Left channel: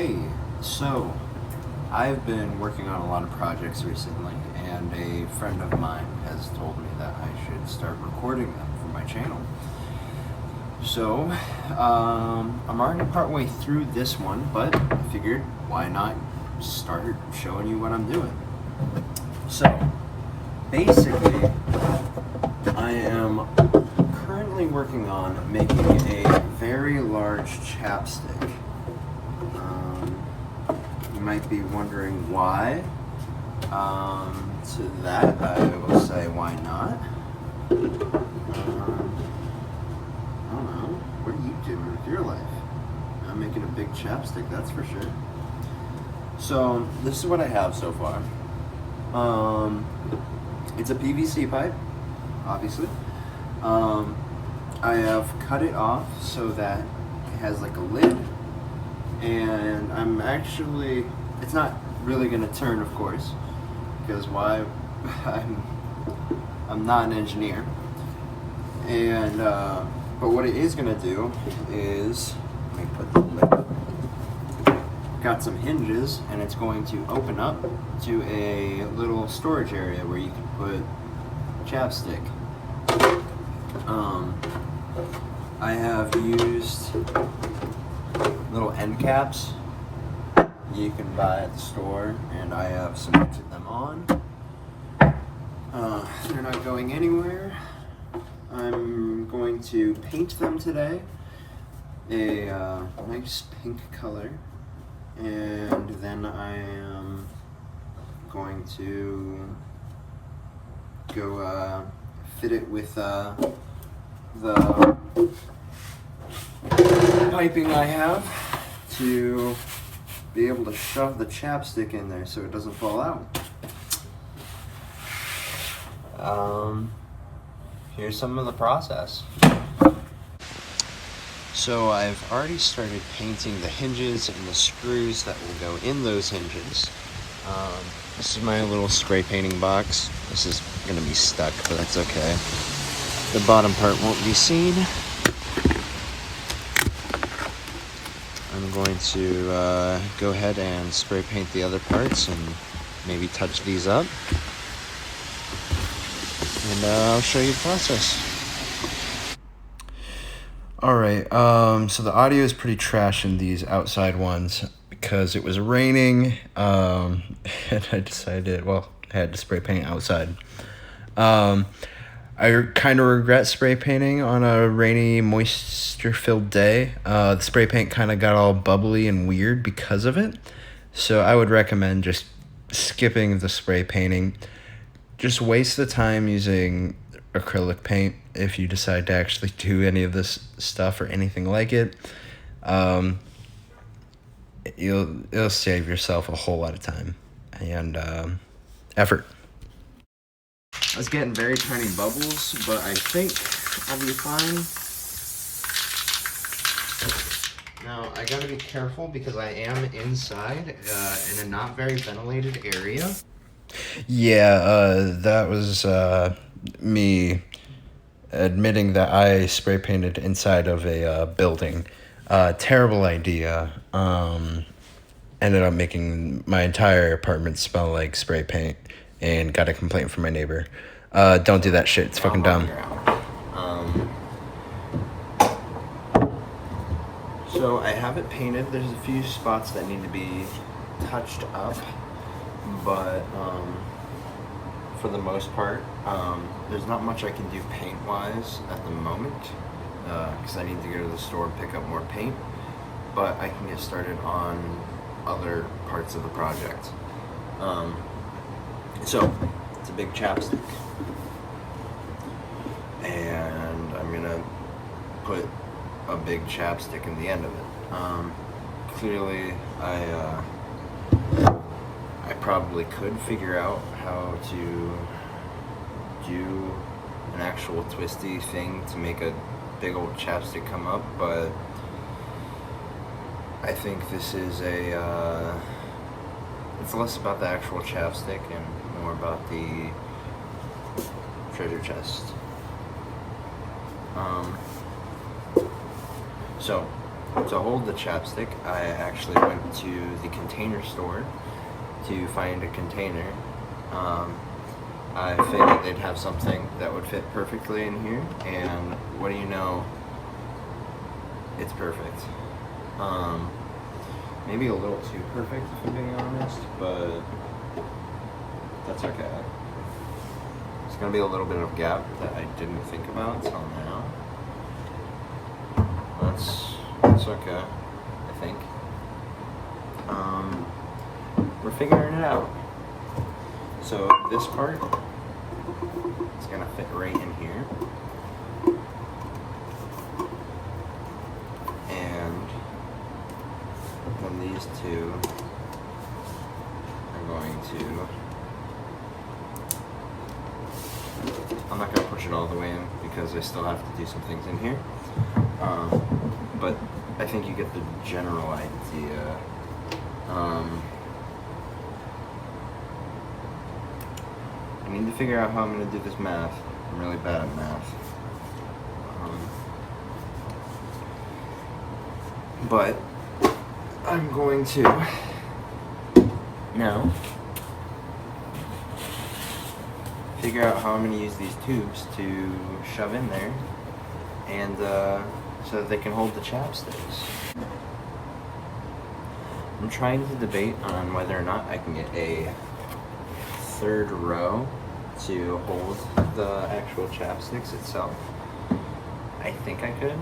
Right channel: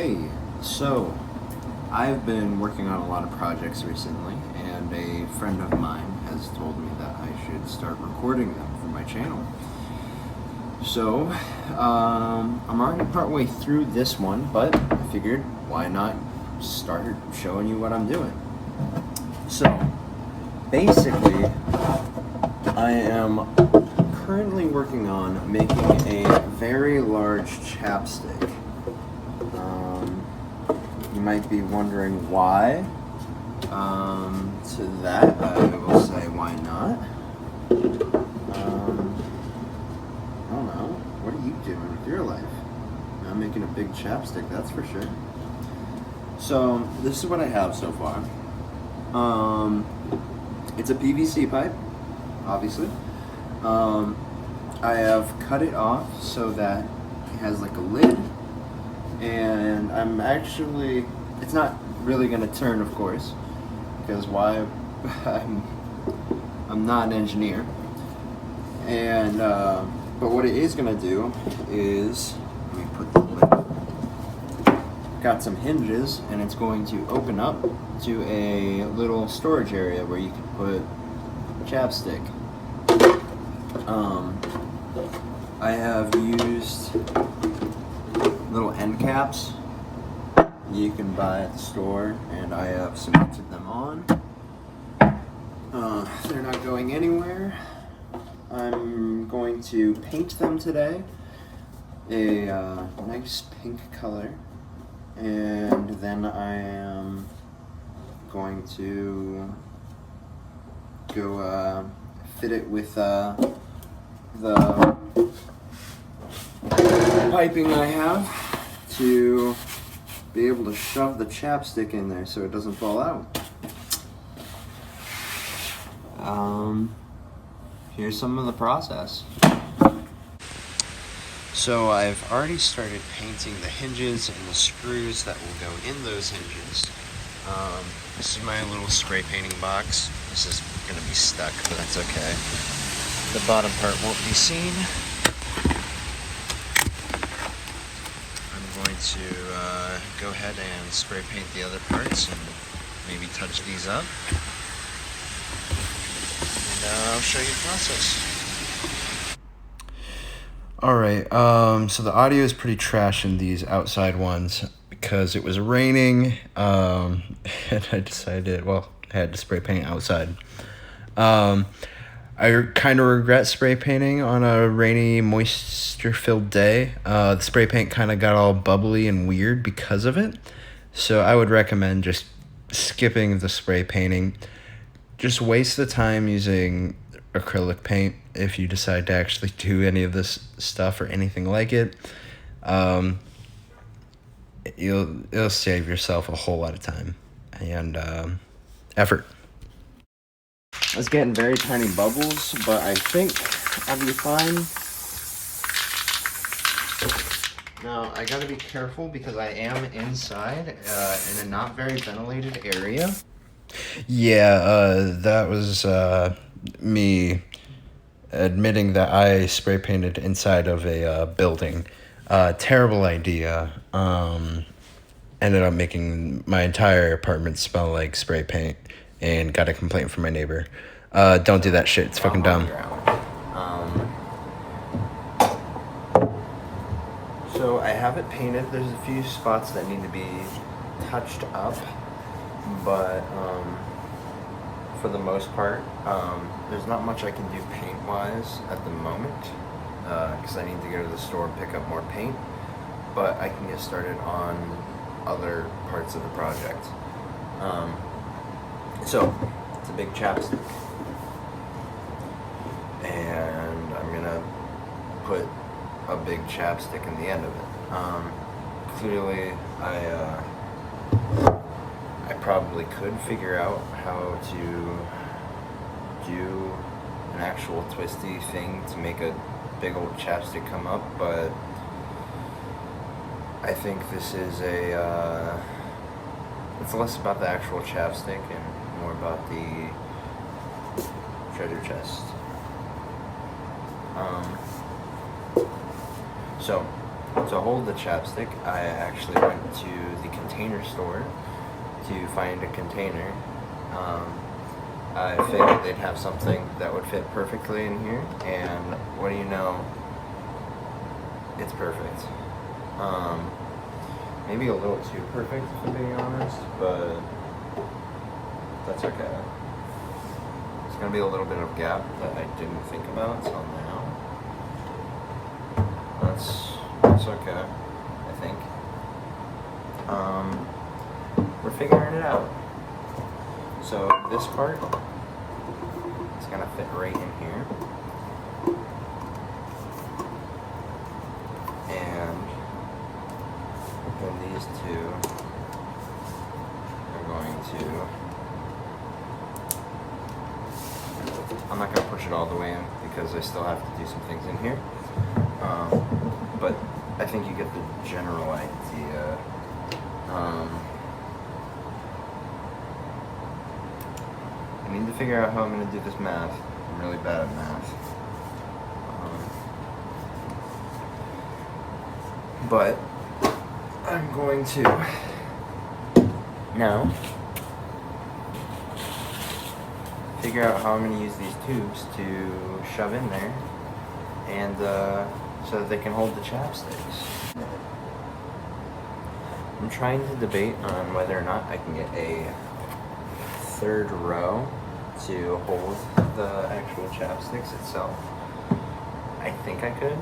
Hey, so I've been working on a lot of projects recently, and a friend of mine has told me that I should start recording them for my channel. So, I'm already partway through this one, but I figured why not start showing you what I'm doing. So, basically, I am currently working on making a very large chapstick. You might be wondering why. To that, I will say, why not? I don't know. What are you doing with your life? I'm making a big chapstick, that's for sure. So, this is what I have so far. It's a PVC pipe, obviously. I have cut it off so that it has like a lid. And it's not really gonna turn, of course, because why? I'm not an engineer. And, but what it is gonna do is, let me put the lid up. Got some hinges, and it's going to open up to a little storage area where you can put chapstick. I have used little end caps you can buy at the store, and I have cemented them on. They're not going anywhere. I'm going to paint them today a nice pink color, and then I am going to go fit it with the piping I have to be able to shove the chapstick in there so it doesn't fall out. Here's some of the process. So I've already started painting the hinges and the screws that will go in those hinges. This is my little spray painting box. This is gonna be stuck, but it's okay. The bottom part won't be seen. I'm going to go ahead and spray paint the other parts and maybe touch these up. And I'll show you the process. Alright, so the audio is pretty trash in these outside ones because it was raining, and I decided, I had to spray paint outside. I kind of regret spray painting on a rainy, moisture-filled day. The spray paint kind of got all bubbly and weird because of it. So I would recommend just skipping the spray painting. Just waste the time using acrylic paint if you decide to actually do any of this stuff or anything like it. It'll save yourself a whole lot of time and effort. I was getting very tiny bubbles, but I think I'll be fine. Now, I gotta be careful because I am inside in a not very ventilated area. Yeah, that was me admitting that I spray painted inside of a building. Terrible idea. Ended up making my entire apartment smell like spray paint. And got a complaint from my neighbor. Don't do that shit. It's fucking dumb. So I have it painted. There's a few spots that need to be touched up, but for the most part, there's not much I can do paint-wise at the moment because I need to go to the store and pick up more paint. But I can get started on other parts of the project. So, it's a big chapstick, and I'm gonna put a big chapstick in the end of it. Clearly, I probably could figure out how to do an actual twisty thing to make a big old chapstick come up, but I think this is it's less about the actual chapstick and more about the treasure chest. So To hold the chapstick, I actually went to the container store to find a container. I figured they'd have something that would fit perfectly in here, and what do you know? It's perfect. Maybe a little too perfect, if I'm being honest, but that's okay. There's gonna be a little bit of gap that I didn't think about till now. That's okay, I think. We're figuring it out. So this part is gonna fit right in here. And then these two are going to, I'm not gonna push it all the way in because I still have to do some things in here. But I think you get the general idea. I need to figure out how I'm going to do this math. I'm really bad at math. But I'm going to now figure out how I'm going to use these tubes to shove in there, and so that they can hold the chapsticks. I'm trying to debate on whether or not I can get a third row to hold the actual chapsticks itself. I think I could.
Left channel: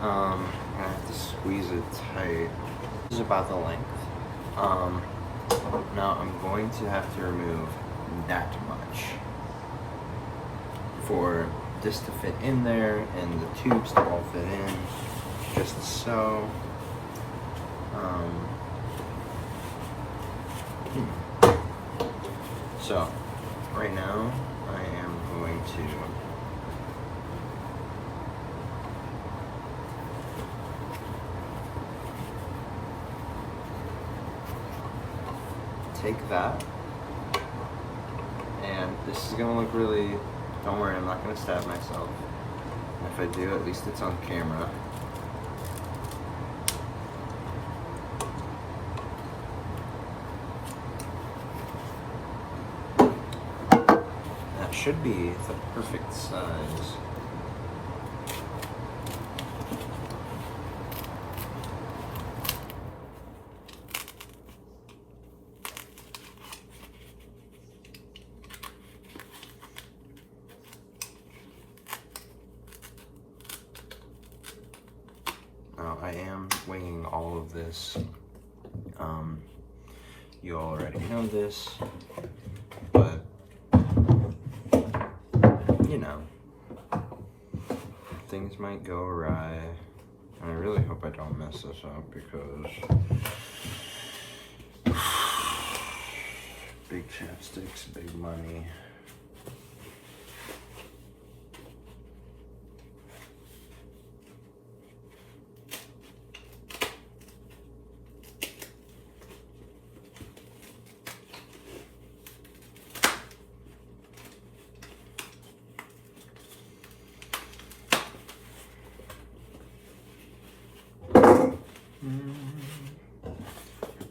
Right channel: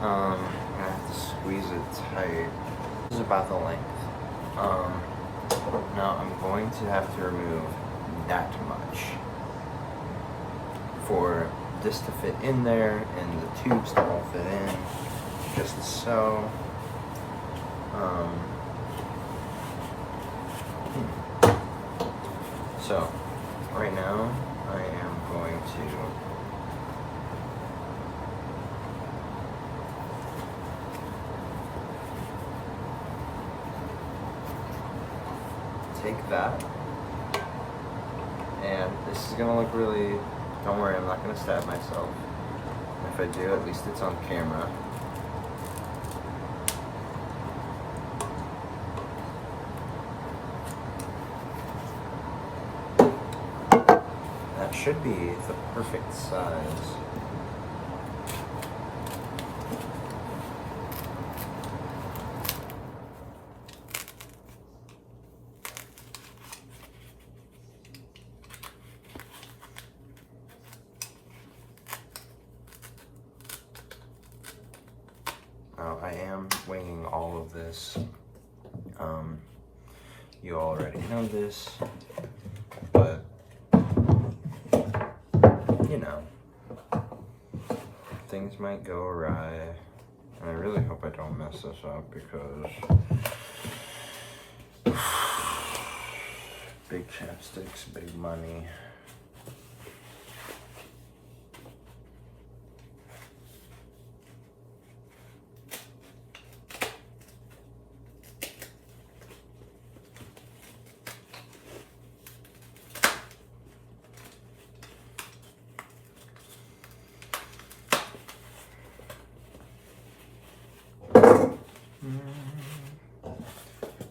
I'm gonna have to squeeze it tight. This is about the length. Now I'm going to have to remove that much for this to fit in there and the tubes to all fit in, just so. So, right now, I am going to take that, and this is gonna look really, don't worry, I'm not gonna stab myself. And if I do, at least it's on camera. That should be the perfect size. I am winging all of this. You already know this, but you know, things might go awry, and I really hope I don't mess this up because big chapsticks, big money.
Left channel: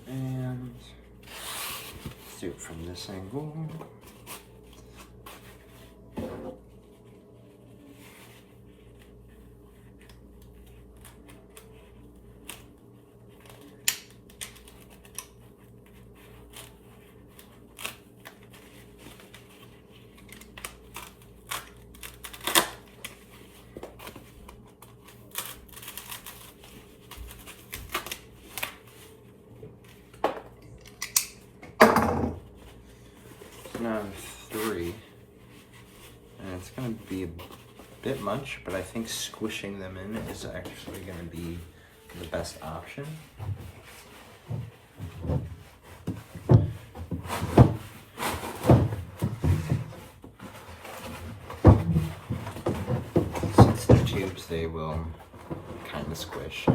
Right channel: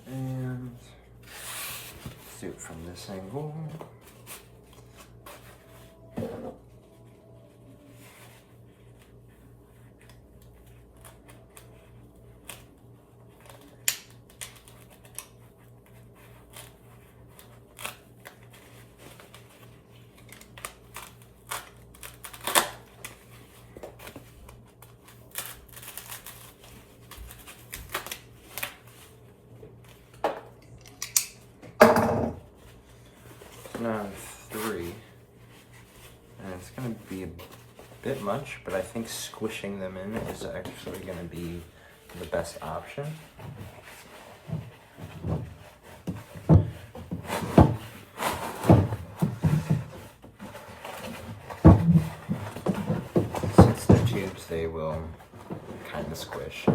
And do it from this angle. Now I have 3, and it's going to be a bit much, but I think squishing them in is actually going to be the best option. Since they're tubes, they will kind of squish.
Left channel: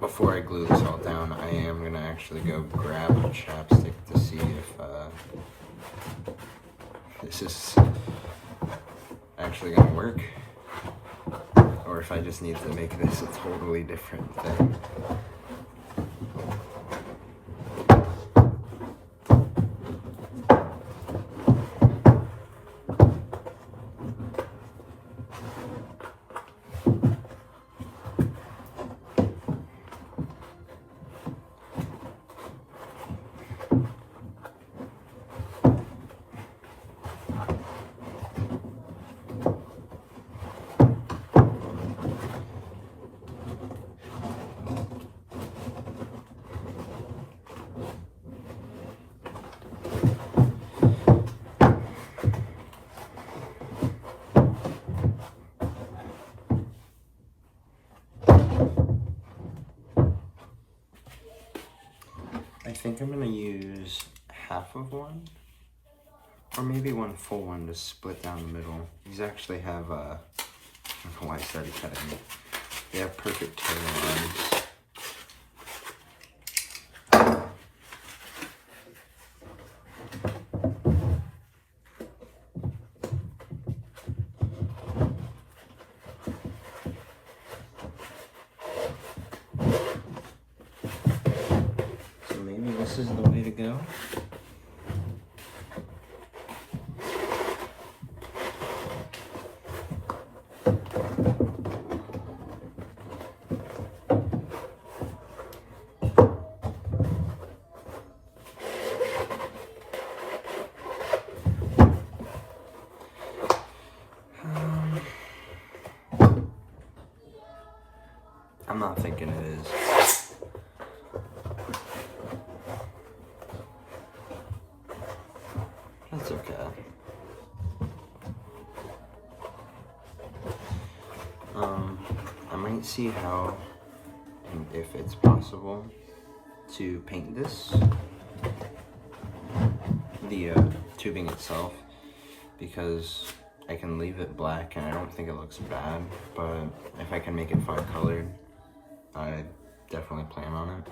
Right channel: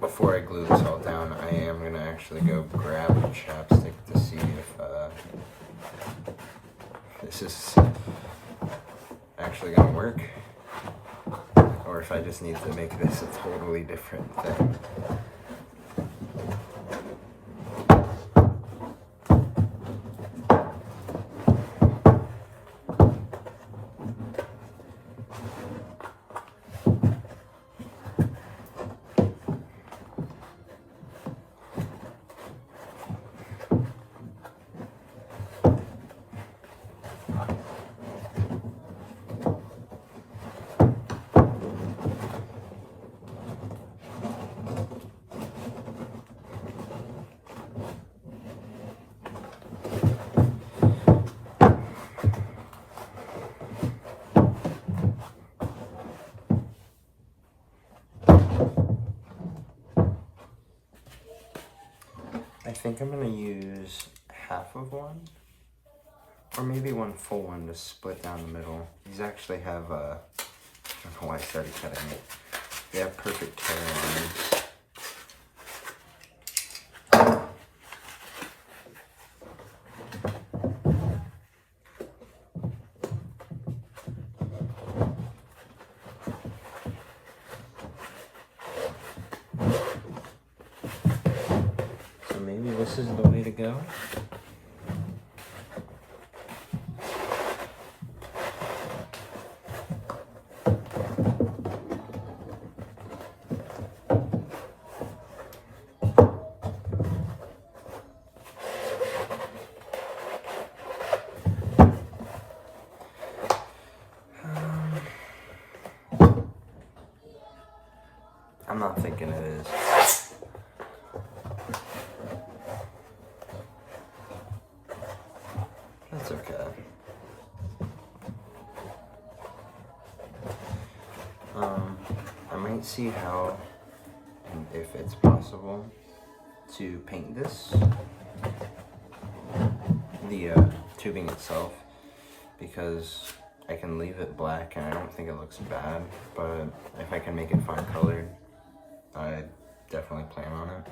Before I glue this all down, I am going to actually go grab a chapstick to see if this is actually going to work. or if I just need to make this a totally different thing. I think I'm gonna use half of one, or maybe one full one to split down the middle. These actually have, I don't know why I started cutting it. They have perfect tear lines. So maybe this is the way to go. I'm not thinking it is. That's okay. I might see how and if it's possible to paint this, the tubing itself, because I can leave it black and I don't think it looks bad, but if I can make it 5-colored, I definitely plan on it.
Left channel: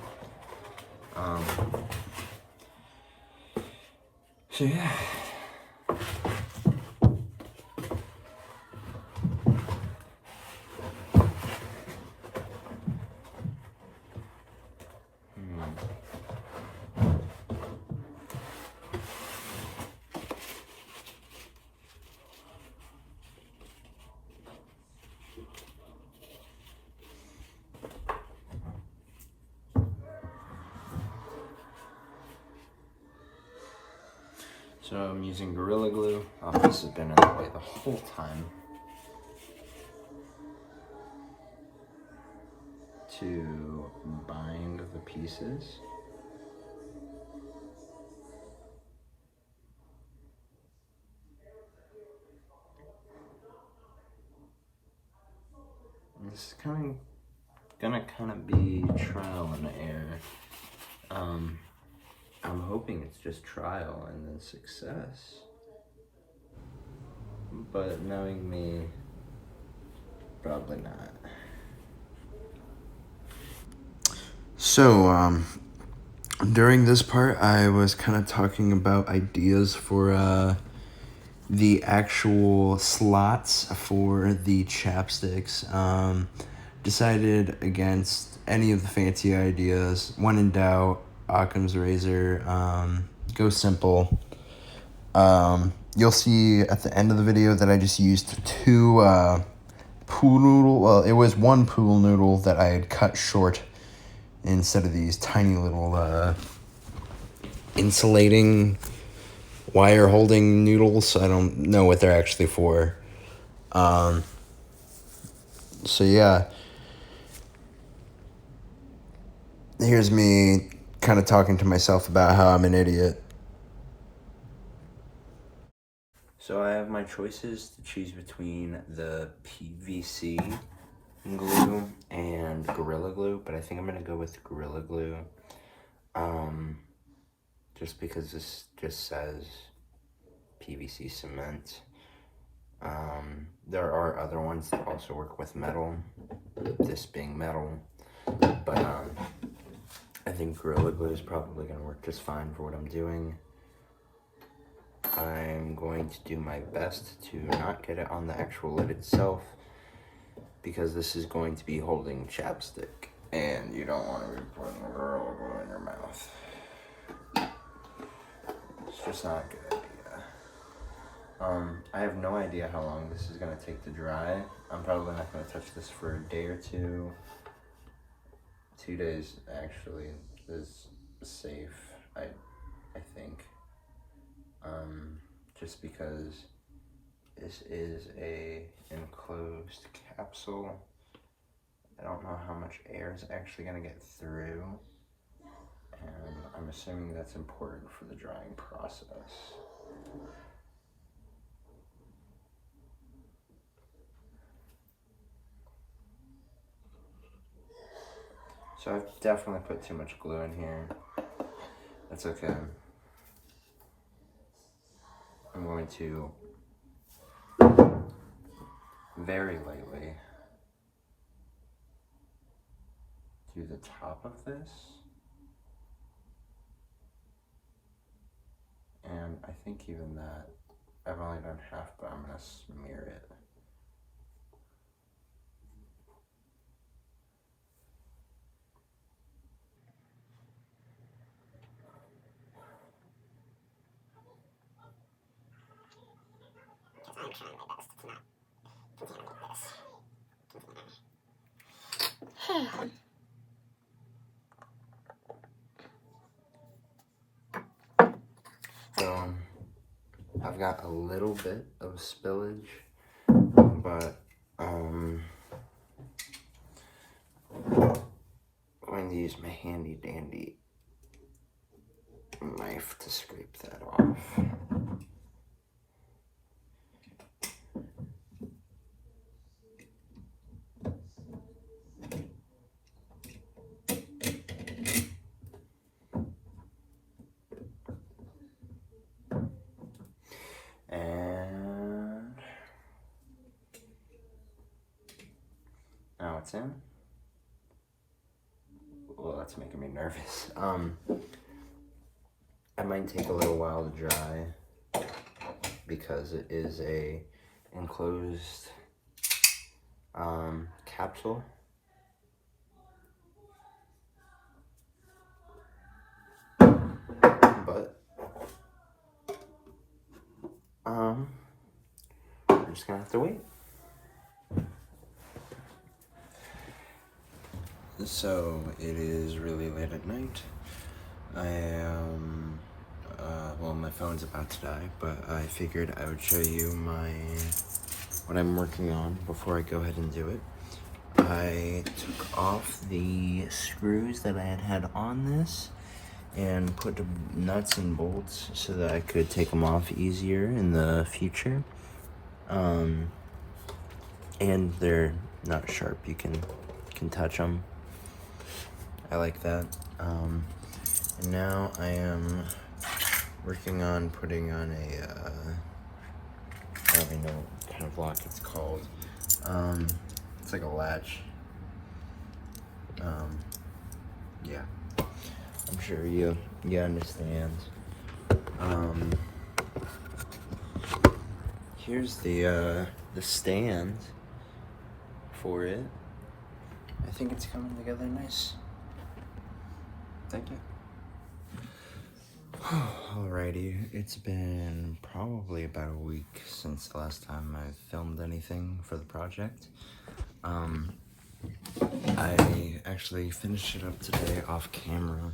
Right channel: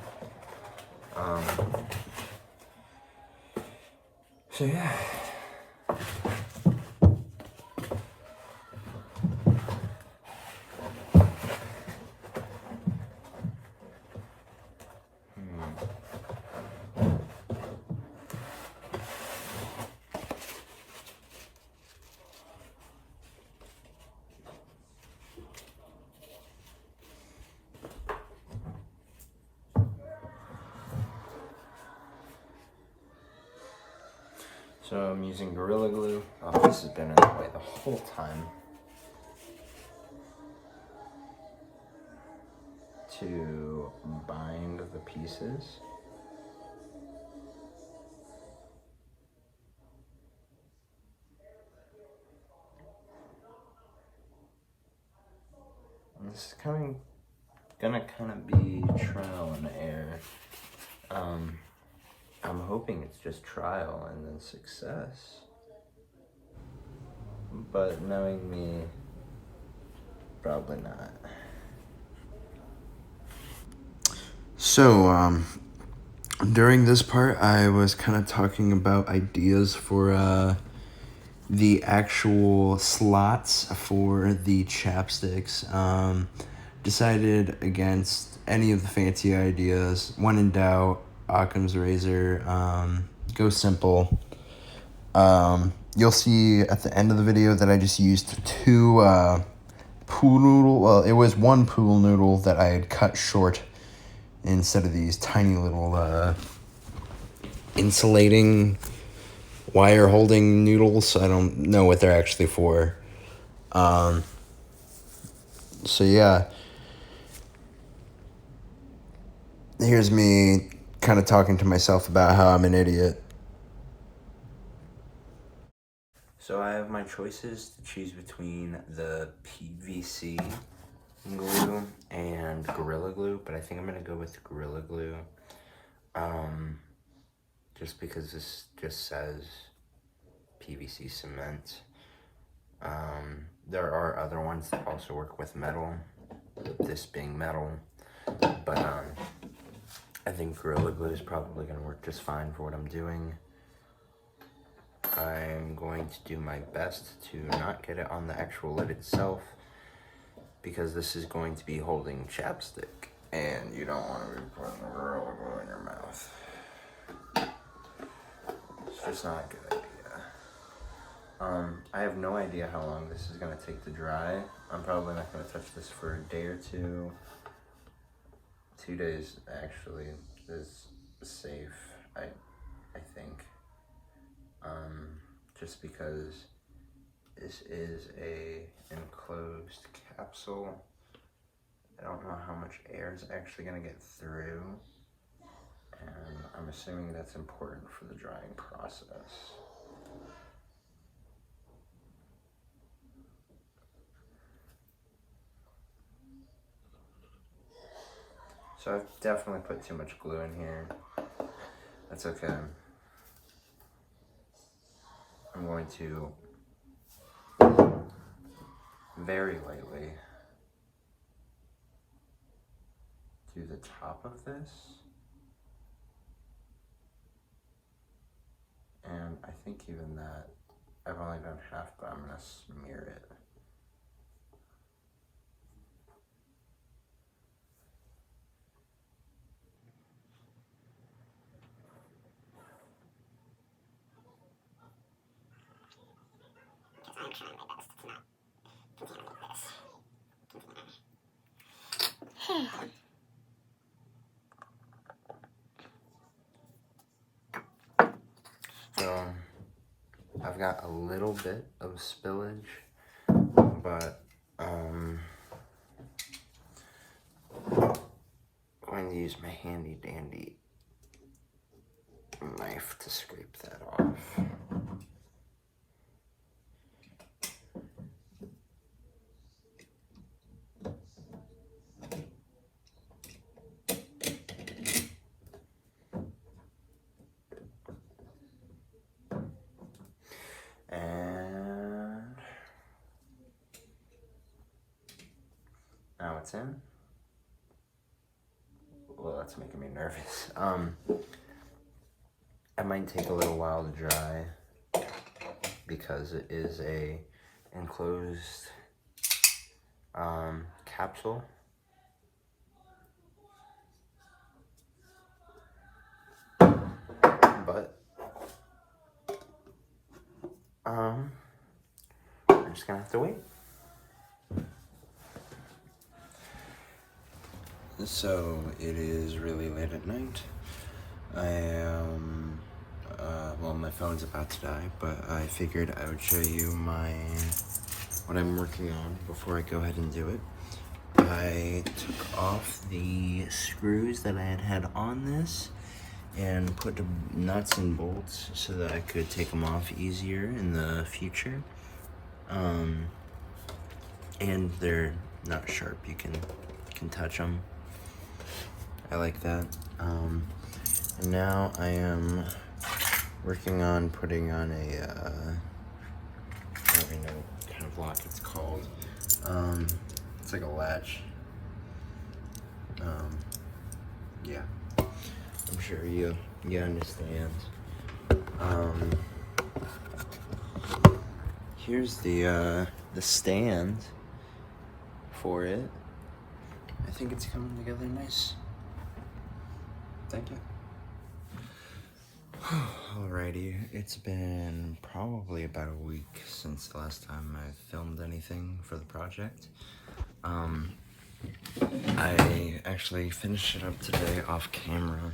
So yeah. So I'm using Gorilla Glue. Oh, this has been in the way the whole time. To bind the pieces. And this is gonna kind of be trial and error. I'm hoping it's just trial and then success. But knowing me, probably not. So, during this part, I was kind of talking about ideas for the actual slots for the chapsticks. Decided against any of the fancy ideas. When in doubt, Occam's razor, go simple. You'll see at the end of the video that I just used two pool noodle. Well, it was one pool noodle that I had cut short instead of these tiny little insulating wire holding noodles. I don't know what they're actually for. So yeah. Here's me kind of talking to myself about how I'm an idiot. So I have my choices to choose between the PVC glue and Gorilla Glue, but I think I'm gonna go with Gorilla Glue. Just because this just says PVC cement. There are other ones that also work with metal, this being metal, but I think Gorilla Glue is probably going to work just fine for what I'm doing. I'm going to do my best to not get it on the actual lid itself, because this is going to be holding chapstick, and you don't want to be putting Gorilla Glue in your mouth. It's just not a good idea. I have no idea how long this is going to take to dry. I'm probably not going to touch this for a day or two. 2 days actually is safe, I think. Just because this is a enclosed capsule. I don't know how much air is actually going to get through, and I'm assuming that's important for the drying process. So I've definitely put too much glue in here. That's okay. I'm going to very lightly do the top of this. And I think even that, I've only done half, but I'm gonna smear it. I'm trying my best to not contaminate this. So, I've got a little bit of spillage, but I'm going to use my handy dandy knife to scrape that off. And now it's in. Well, that's making me nervous. It might take a little while to dry because it is a enclosed capsule. But I'm just gonna have to wait. So it is really late at night. I am, well, my phone's about to die, but I figured I would show you what I'm working on before I go ahead and do it. I took off the screws that I had on this and put the nuts and bolts so that I could take them off easier in the future. And they're not sharp, you can touch them. I like that. Now I am working on putting on a, I don't even know what kind of lock it's called. It's like a latch. Yeah, I'm sure you understand. Here's the stand for it. I think it's coming together nice. Thank you. Alrighty, it's been probably about a week since the last time I filmed anything for the project. I actually finished it up today off camera.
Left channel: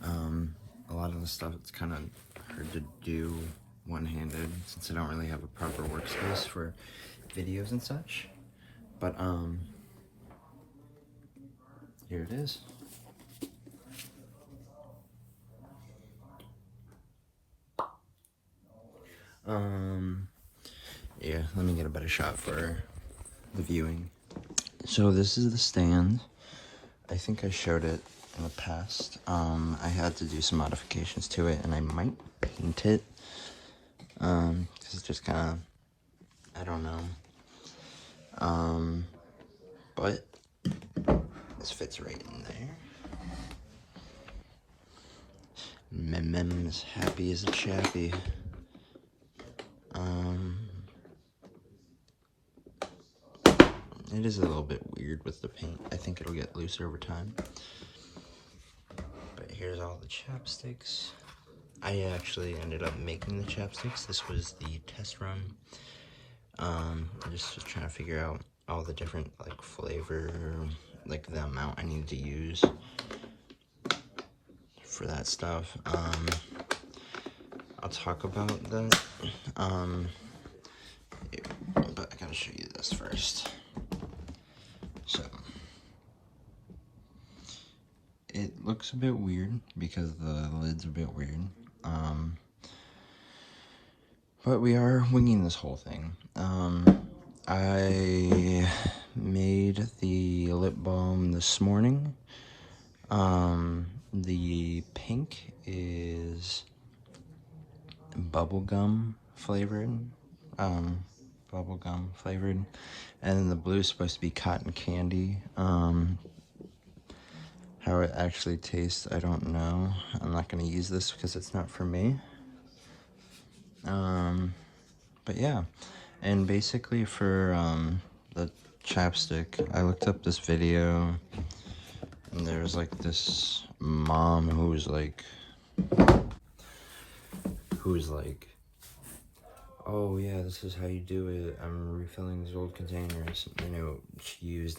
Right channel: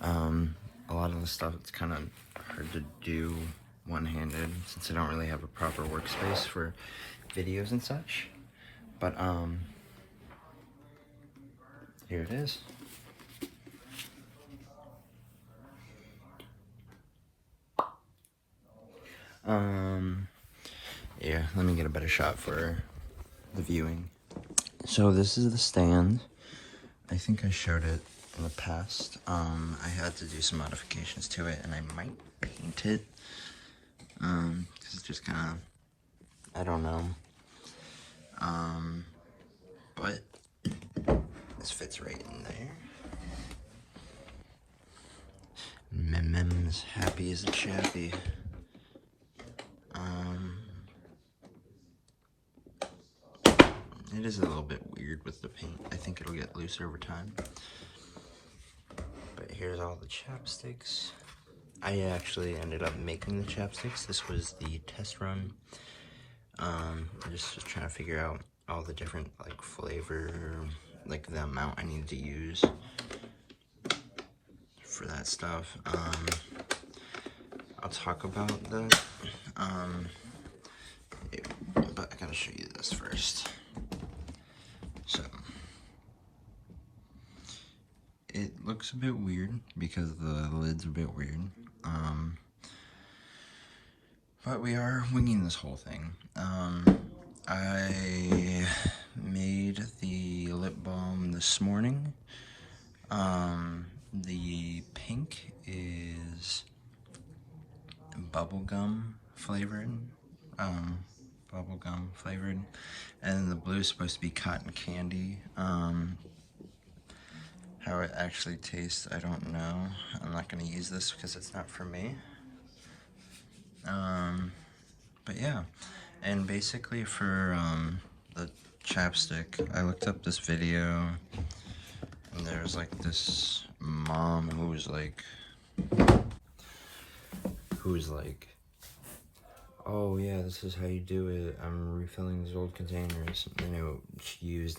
A lot of the stuff, it's kind of hard to do one-handed since I don't really have a proper workspace for videos and such. But here it is. Yeah, let me get a better shot for the viewing. So this is the stand. I think I showed it in the past. I had to do some modifications to it, and I might paint it. Cause it's just kind of, I don't know. But this fits right in there. Mem's happy as a chappy. It is a little bit weird with the paint. I think it'll get looser over time. But here's all the chapsticks. I actually ended up making the chapsticks. This was the test run. Just trying to figure out all the different like flavor, like the amount I need to use for that stuff. I'll talk about that. But I gotta show you this first. So it looks a bit weird because the lid's a bit weird. But we are winging this whole thing. I made the lip balm this morning. The pink is bubblegum flavored. And then the blue is supposed to be cotton candy. How it actually tastes, I don't know. I'm not gonna use this because it's not for me. But yeah, and basically for the chapstick, I looked up this video, and there's like this mom who's like, oh yeah, this is how you do it. I'm refilling these old containers. And she used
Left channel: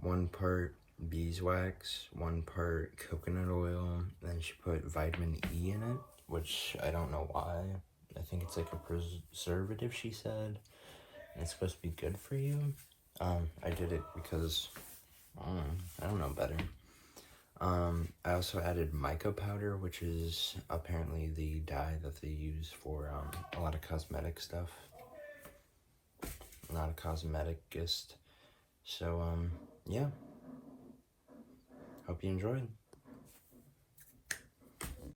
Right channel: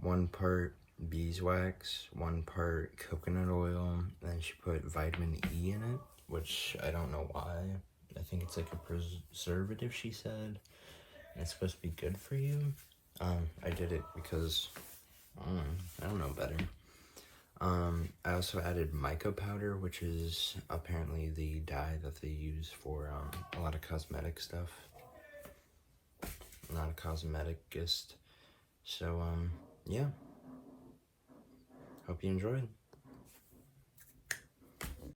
1 part beeswax, 1 part coconut oil, and then she put vitamin E in it, which I don't know why. I think it's like a preservative, she said, and it's supposed to be good for you. I did it because, I don't know better. I also added mica powder, which is apparently the dye that they use for a lot of cosmetic stuff. Not a cosmeticist. So, yeah. Hope you enjoyed.